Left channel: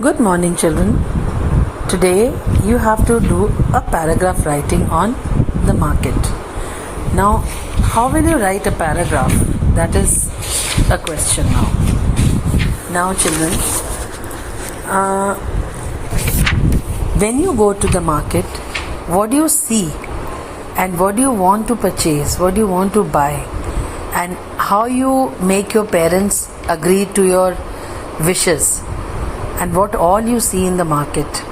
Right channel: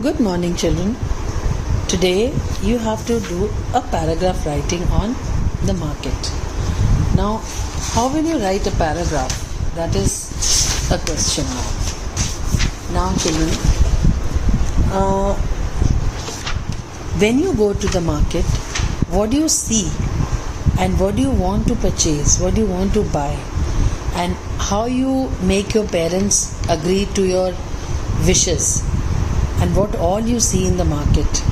Good morning, children. Today you have to do a paragraph writing on the market. Now, how will you write a paragraph? That is a question now. Now, children, when you go to the market, what do you see and what do you want to purchase? What do you want to buy? And how you make your parents agree to your wishes? And what all you see in the market,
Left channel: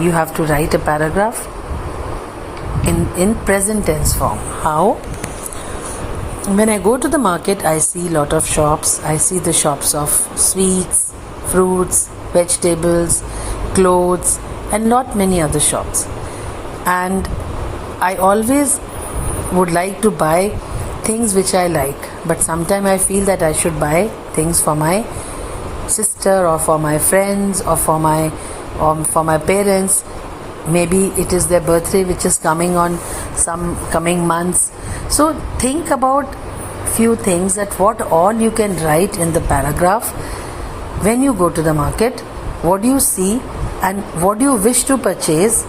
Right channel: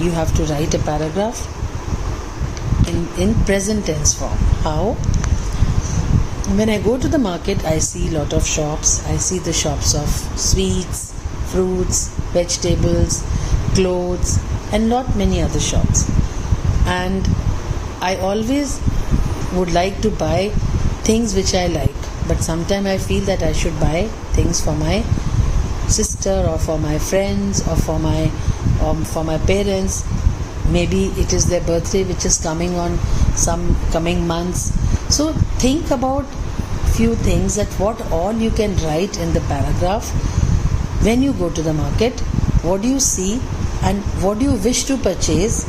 you have to write a paragraph in present tense form. How? When I go to the market, I see a lot of shops. I see the shops of sweets, fruits, vegetables, clothes, and not many other shops. And I always would like to buy things which I like, but sometimes I feel that I should buy things for my sister or for my friends or for my parents. Maybe it is their birthday which is coming on some coming months. So think about few things, that what all you can write in the paragraph. When you go to the market, what do you see and what do you wish to purchase?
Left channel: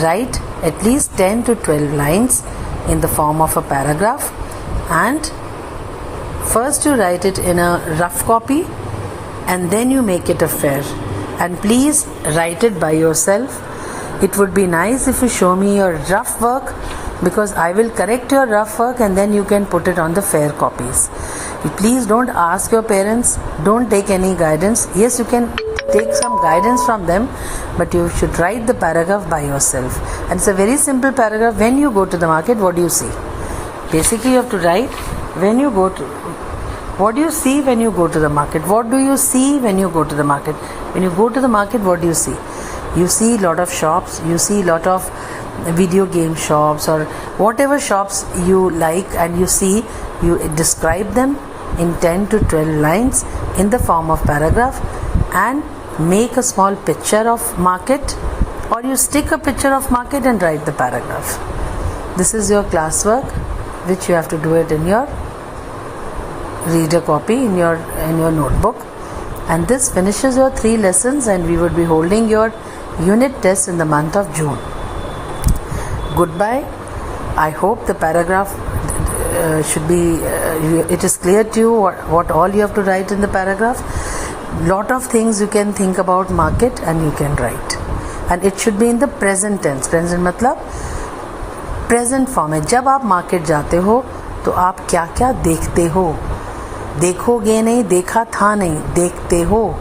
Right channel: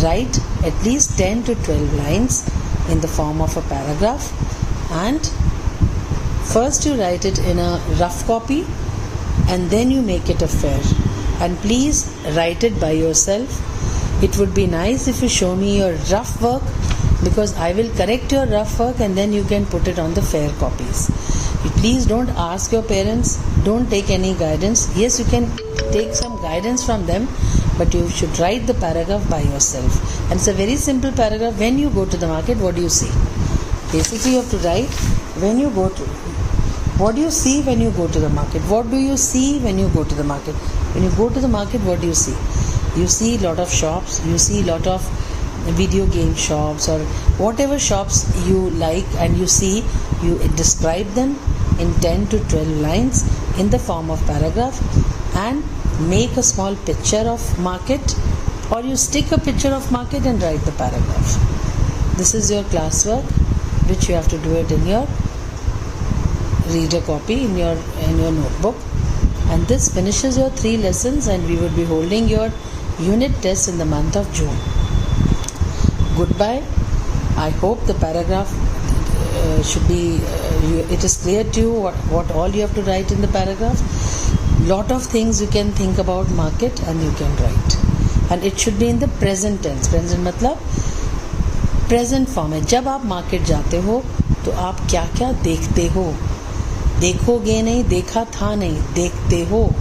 Write at least 10 to 12 lines in the form of a paragraph, and first you write it in a rough copy and then you make it a fair. And please write it by yourself. It would be nice if you show me your rough work, because I will correct your rough work and then you can put it on the fair copies. Please don't ask your parents, don't take any guidance. Yes, you can take some guidance from them, but you should write the paragraph by yourself. And it's a very simple paragraph. When you go to the market, what do you see? Basically, you have to write what do you see when you go to the market? What do you see when you go to the market? When you go to the market, what do you see? You see a lot of shops, you see a lot of video game shops or whatever shops you like, and you see, you describe them in 10 to 12 lines in the form of paragraph, and make a small picture of market, or you stick a picture of market and write the paragraph. This is your classwork, which you have to do it in your reader copy, in your notebook. And this finishes your 3 lessons, and we would be holding your unit test in the month of June. Goodbye. I hope the paragraph should be it is clear to you what all you have to write in the paragraph. Lot of things you can think about market and you can write, and it should be in the present tense. Present मतलब present form है. जब आप market जाते हो तो आप क्या क्या देखते हो? देखोगे नहीं, देखा था नहीं, देखते हो.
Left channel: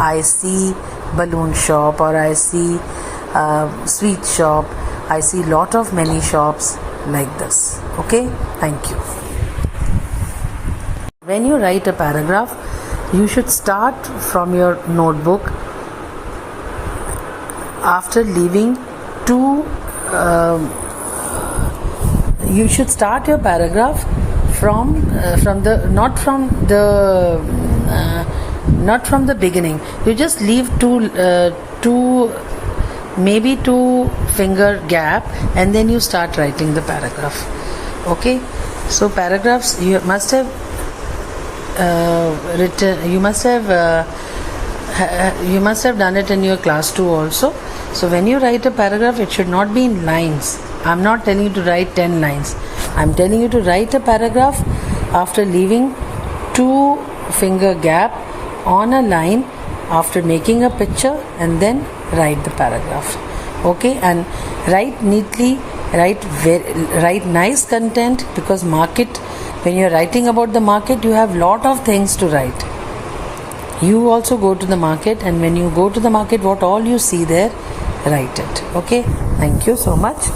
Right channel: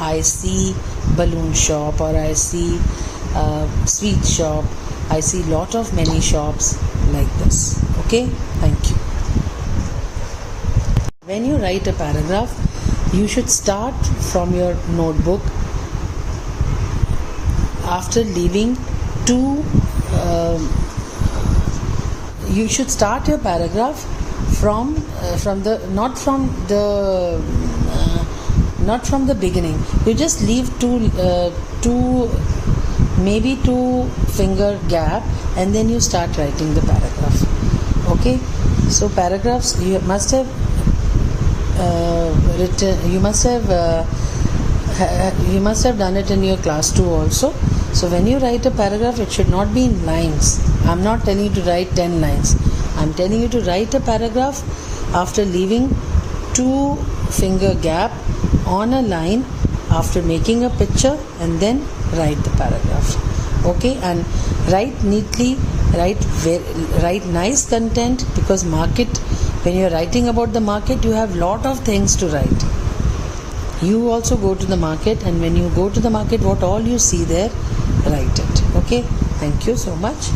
I see balloon shop, or I see sweet shop. I see lot of many shops like this. Okay, thank you. When you write a paragraph, you should start from your notebook after leaving you should start your paragraph from not from the beginning. You just leave maybe 2 finger gap, and then you start writing the paragraph. Okay, so paragraphs you must have written. You must have done it in your class 2 also. So when you write a paragraph, it should not be in lines. I'm not telling you to write 10 lines. I'm telling you to write a paragraph after leaving 2 finger gap on a line, after making a picture, and then write the paragraph. Okay, and write neatly, write nice content, because market, when you're writing about the market, you have lot of things to write. You also go to the market, and when you go to the market, what all you see there, write it. Okay, thank you so much.